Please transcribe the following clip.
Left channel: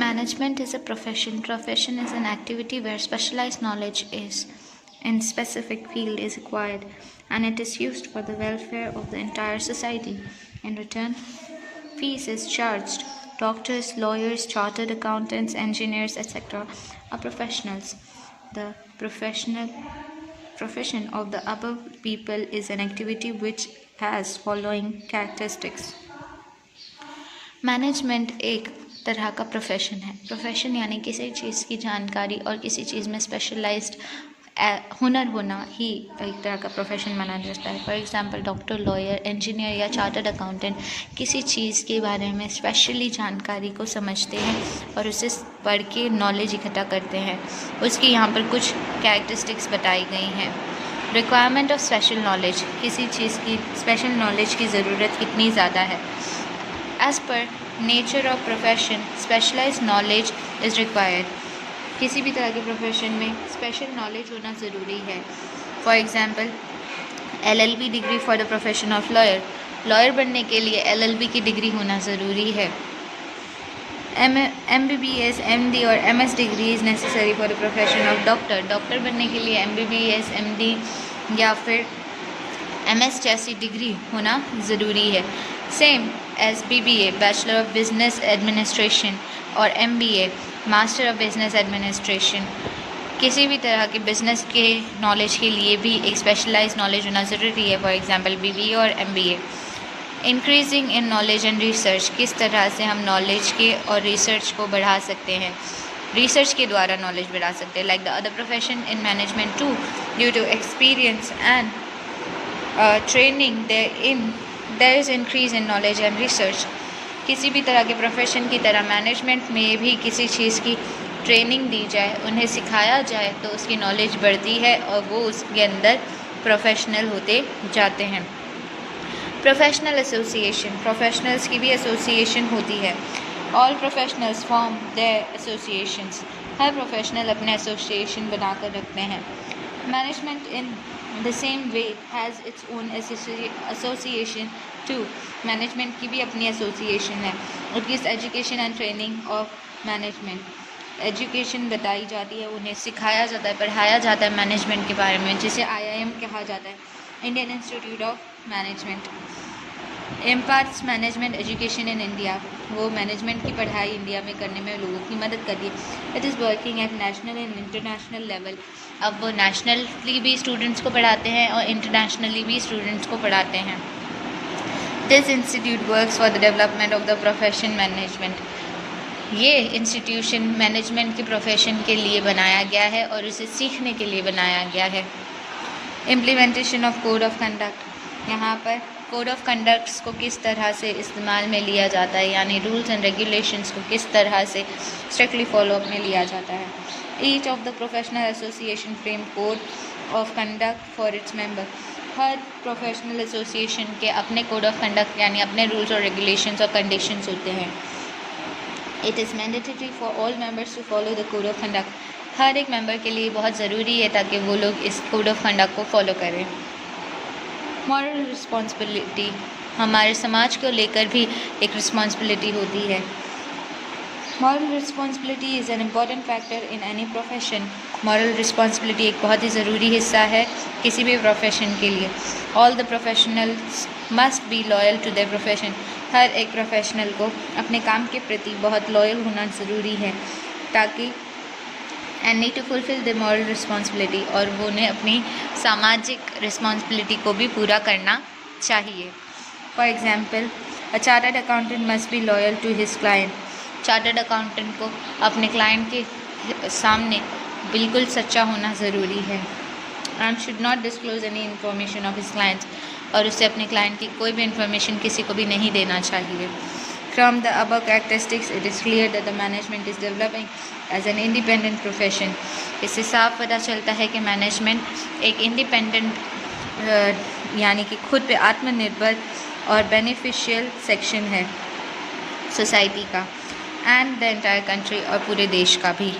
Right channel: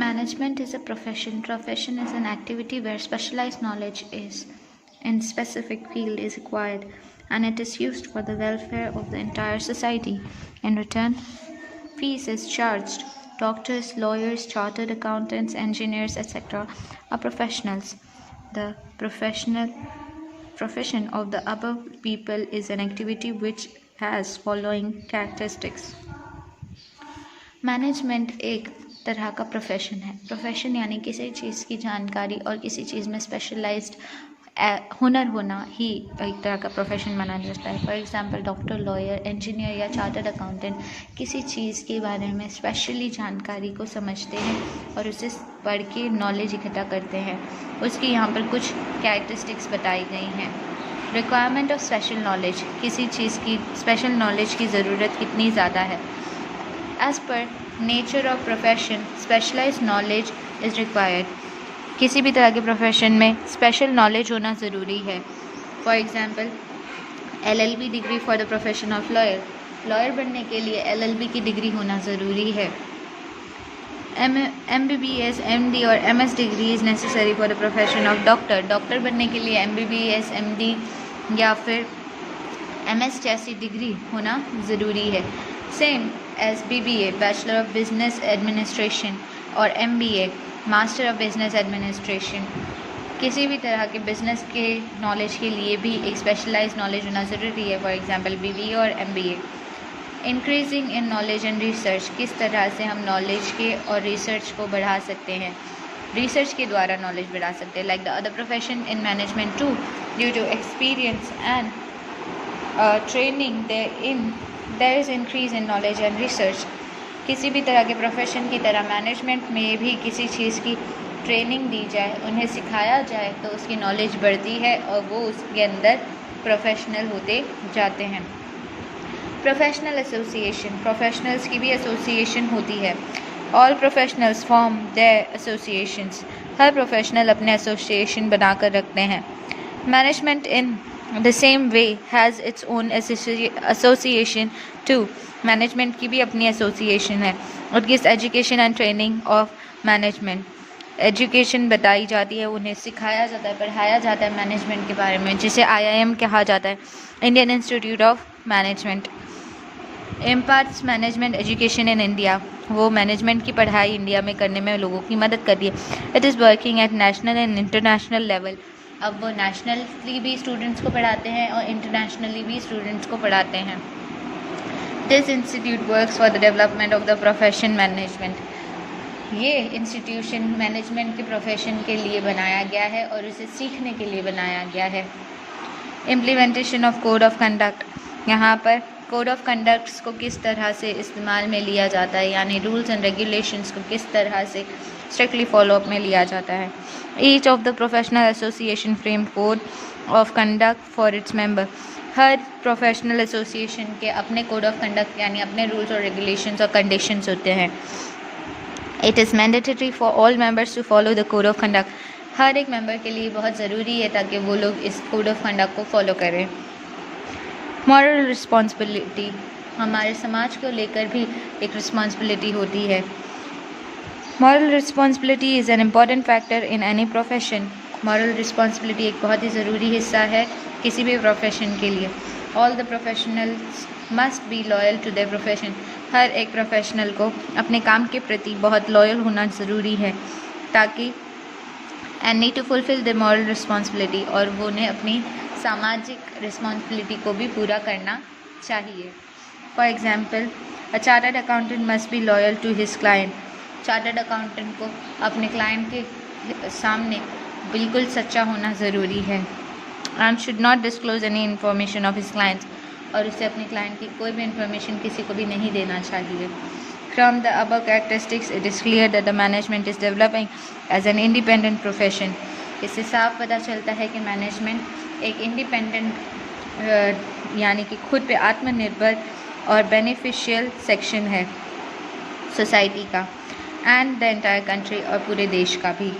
Management is a profession. Profession is an activity where specialized knowledge is in specific field is required, and it is used for the welfare of the entire society. In return, fees is charged. Doctors, lawyers, chartered accountants, engineers, etc. are professionals. The profession of the above people is an activity which has following characteristics. Management एक तरह का profession है. Profession यानी किसी चीज़ की जानकारी और किसी चीज़ में स्पेशलाइज्ड हुनर होना ही एक तरह का प्रोफेशन माना जाता है. For example doctor, lawyer, engineer या चार्टर्ड अकाउंटेंट किसी चीज़ के बारे में स्पेशली जानकारी को समझते हैं और उसे पढ़ के नॉलेज इकट्ठा करते हैं. उसकी यहाँ पर कुछ कैरेक्टरिस्टिक्स बताई गई हैं. रिक्वायरमेंट ऑफ स्पेशल नॉलेज, किसी चीज़ की स्पेशल नॉलेज की ज़रूरत कितनी ज़्यादा है. As per nature of profession, specialized knowledge is required. किसी भी तरह के प्रोफेशन में स्पेशल नॉलेज होना ज़रूरी है. For example LLB degree for the profession of lawyer. Lawyer बनने के लिए LLB की डिग्री होना ज़रूरी है. MBBS, MD और MS degree is necessary for the profession of doctor. Doctor बनने के लिए MBBS, MD या फिर MS जैसी डिग्री होना ज़रूरी है. Same as BBA, bachelor of business administration, और MBA, master of business administration. किसी भी तरह के बिजनेस के नॉलेज के लिए भी एक स्पेशलाइज्ड नॉलेज होना ज़रूरी है. फॉर एग्जांपल BBA और MBA. Increasing in knowledge and research, किस तरह से हम नॉलेज के और रिसर्च को बढ़ा सकते हैं. रिसर्च के द्वारा नॉलेज बढ़ा सकते हैं. Like the other profession in management too, due to experience and training there is increase in knowledge and research. किसी भी तरह के प्रोफेशन की तरह मैनेजमेंट में भी किसी चीज़ की ट्रेनिंग दी जाए, उन्हें सिखाया जाए तो उसकी नॉलेज बढ़ती है और वो उसके अंदर प्रोफेशनल होते जाते हैं. प्रोफेशनल एसोसिएशन, प्रोफेशनल्स की भी एसोसिएशन होती है. All professionals form their associations. हर प्रोफेशनल अपने एसोसिएशन बनाकर रखते हैं. Management in the same way has its own association too. Management की भी अपनी एसोसिएशन है. और किस education and training of management. Education बताई जाती है, उन्हें सिखाया जाता है, पढ़ाया जाता है मैनेजमेंट के बारे में, जिसे IIM कहा जाता है, Indian institute of management. Imparts management education in India. वो मैनेजमेंट की पढ़ाई इंडिया में करने में लोगों की मदद करती है. It is working at national and international level. अब वो नेशनली भी स्टूडेंट्स को पढ़ाते हैं और इंटरनेशनली भी स्टूडेंट्स को पढ़ाते हैं. This institute works for the development of the profession management. ये इंस्टीट्यूशन मैनेजमेंट के प्रोफेशन के लिए बनाया गया है और उसे सीखने के लिए बनाया गया है. Implementation of code of conduct. यहाँ पर कोड ऑफ कंडक्ट्स को किस तरह से इस्तेमाल में लिया जाता है, यानी रूल्स एंड रेगुलेशंस को किस तरह से स्ट्रिक्टली फॉलोअप में लिया जाता है. Each of the professional association frame code of conduct for its member. Her professional association के अपने कोड ऑफ कंडक्ट यानी अपने रूल्स और रेगुलेशंस और कंडीशंस होते हैं. It is mandatory for all members to follow the code of conduct. हर एक मेंबर के लिए बहुत ज़रूरी है ताकि वो लोग इस कोड ऑफ कंडक्ट को फॉलो करें. Moral responsibility. हमारे समाज को लेकर भी एक रिस्पॉन्सिबिलिटी होती है. Moral responsibility is an important factor in any profession. Moral responsibility एक बहुत ही ज़रूरी हिस्सा है किसी भी प्रोफेशन के लिए. All the professionals must be loyal to their profession. हर एक प्रोफेशनल को अपने काम के प्रति बहुत लॉयल होना ज़रूरी है ताकि and need to fulfil the moral responsibility, और वो उन्हें अपनी सामाजिक रिस्पॉन्सिबिलिटी को भी पूरा करना चाहिए. For example a chartered accountant must be loyal to his client. Chartered accountant को अपने क्लाइंट के सामने बिल्कुल सच्चा होना ज़रूरी है. And should not disclose any information of his clients. और उसे अपने क्लाइंट की कोई भी इन्फॉर्मेशन किसी को भी नहीं देना चाहिए. From the above characteristics, it is clear that the management is developing as an independent profession. इससे साफ पता चलता है कि मैनेजमेंट एक इंडिपेंडेंट यानी कि खुद पे आत्मनिर्भर और बेनिफिशियल सेक्शन है सोसाइटी का, एंड द एंटायर कंट्री और पूरे देश का भी.